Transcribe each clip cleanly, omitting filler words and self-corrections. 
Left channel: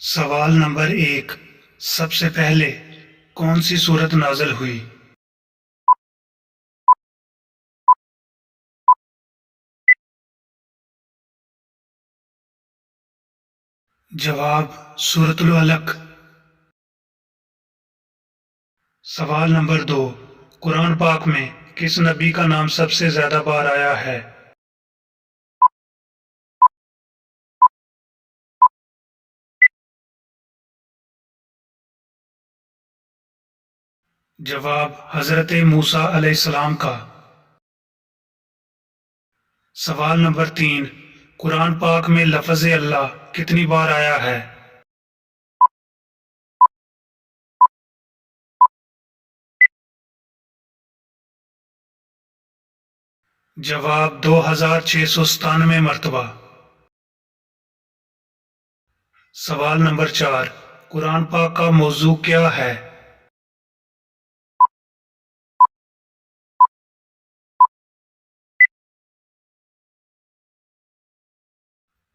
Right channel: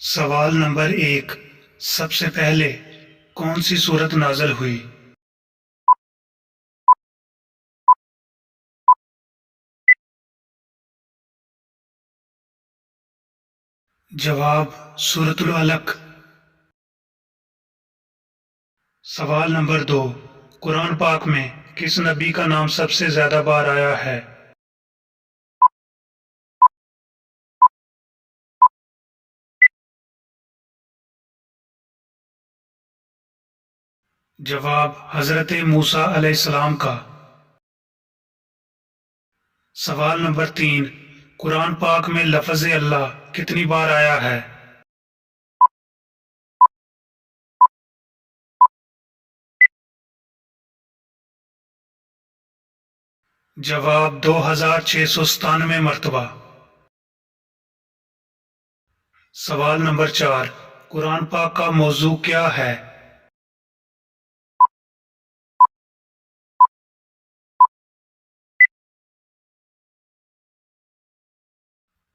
سوال نمبر 1، سب سے پہلے کون سی صورت نازل ہوئی؟ جواب سورۃ العلق۔ سوال نمبر 2، قرآن پاک میں کس نبی کا نام سب سے زیادہ بار آیا ہے؟ جواب حضرت موسیٰ علیہ السلام کا۔ سوال نمبر 3، قرآن پاک میں لفظ اللہ کتنی بار آیا ہے؟ جواب 2697 مرتبہ۔ سوال نمبر 4، قرآن پاک کا موضوع کیا ہے؟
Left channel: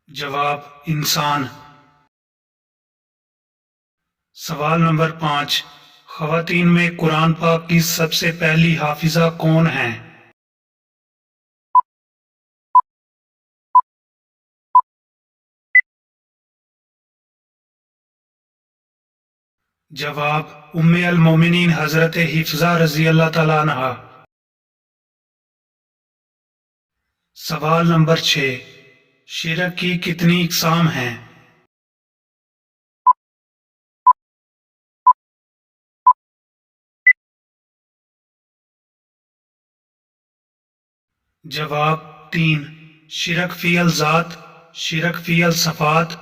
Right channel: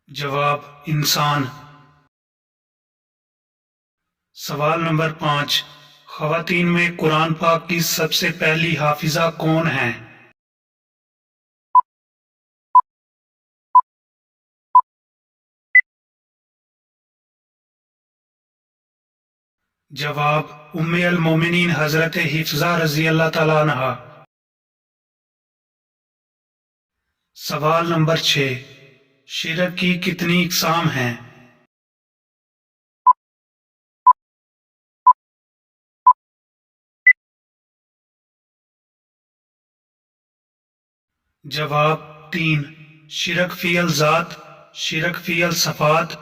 جواب انسان۔ سوال نمبر 5، خواتین میں قرآن پاک کی سب سے پہلی حافظہ کون ہیں؟ جواب ام المومنین حضرت حفصہ رضی اللہ تعالیٰ عنہا۔ سوال نمبر 6، شرک کی کتنی اقسام ہیں؟ جواب 3، شرک فی الذات، شرک فی الصفات،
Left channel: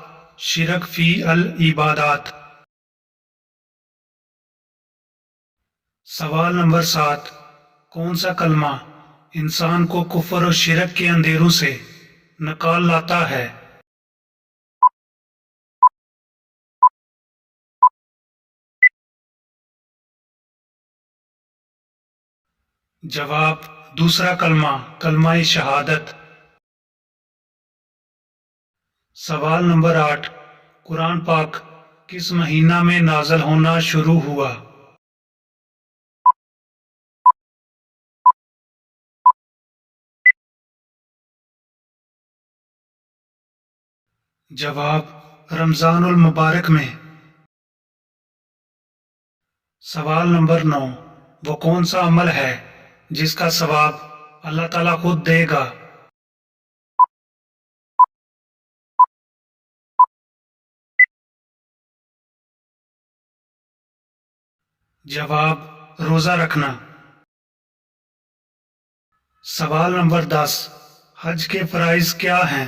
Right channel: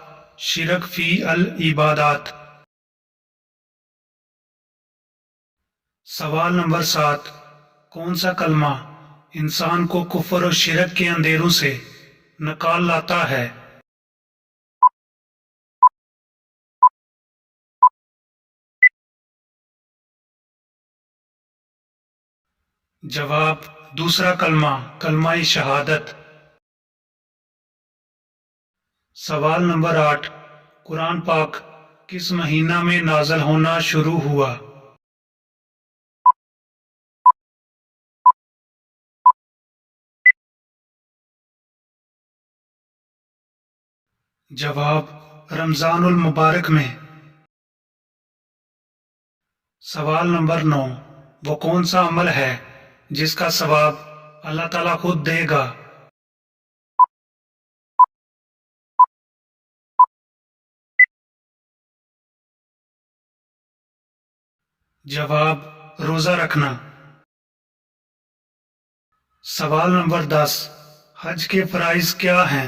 شرک فی العبادات۔ سوال نمبر 7، کون سا کلمہ انسان کو کفر و شرک کے اندھیروں سے نکال لاتا ہے؟ جواب دوسرا کلمہ، کلمہ شہادت۔ سوال نمبر 8، قرآن پاک کس مہینہ میں نازل ہونا شروع ہوا؟ جواب رمضان المبارک میں۔ سوال نمبر 9، وہ کون سا عمل ہے جس کا ثواب اللہ تعالیٰ خود دے گا؟ جواب روزہ رکھنا۔ سوال نمبر 10، حج کے فرائض کیا ہیں؟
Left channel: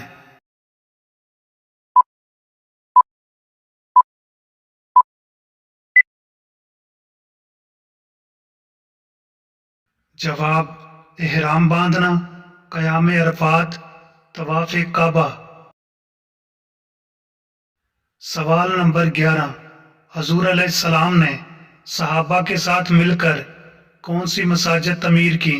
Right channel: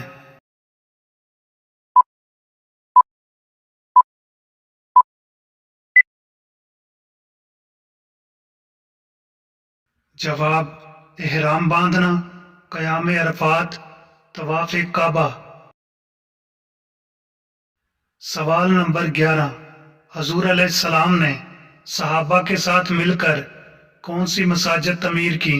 جواب احرام باندھنا، قیام عرفات، طواف کعبہ۔ سوال نمبر 11، حضور علیہ السلام نے صحابہ کے ساتھ مل کر کون سی مساجد تعمیر کی؟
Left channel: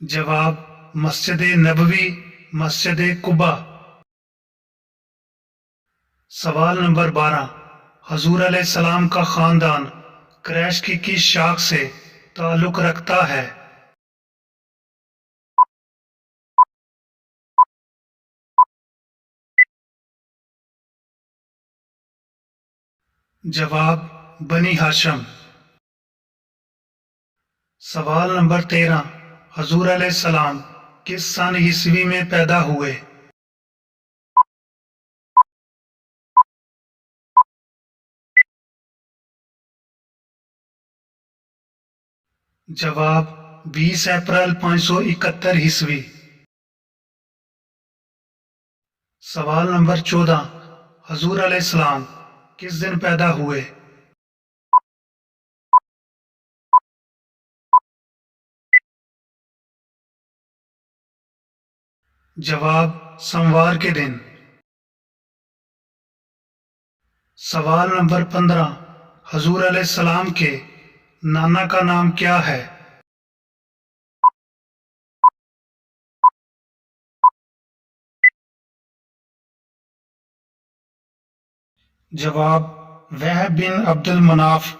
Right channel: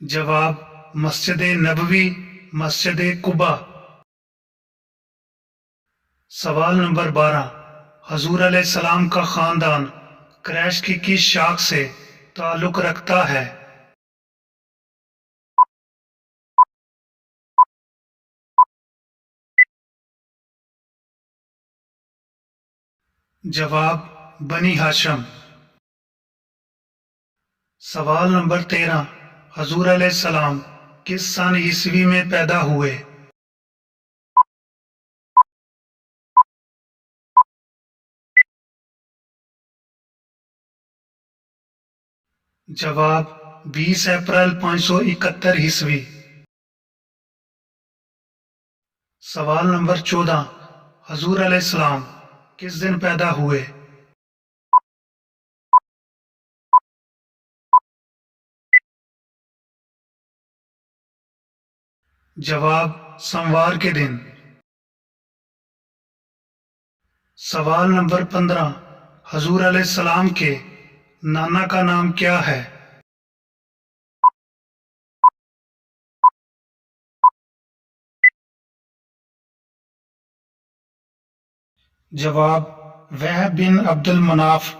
جواب مسجد نبوی، مسجد قباء۔ سوال نمبر 12، حضور علیہ السلام کا خاندان قریش کی کس شاخ سے تعلق رکھتا ہے؟ جواب بنی ہاشم۔ سوال نمبر 13، حضور علیہ السلام کس سن عیسوی میں پیدا ہوئے؟ جواب 20 اپریل 571 عیسوی۔ سوال نمبر 14، حضور علیہ السلام کس دن پیدا ہوئے؟ جواب سوموار کے دن۔ سوال نمبر 15، حضور علیہ السلام کے نانا کا نام کیا ہے؟ جواب: وہب بن عبد المناف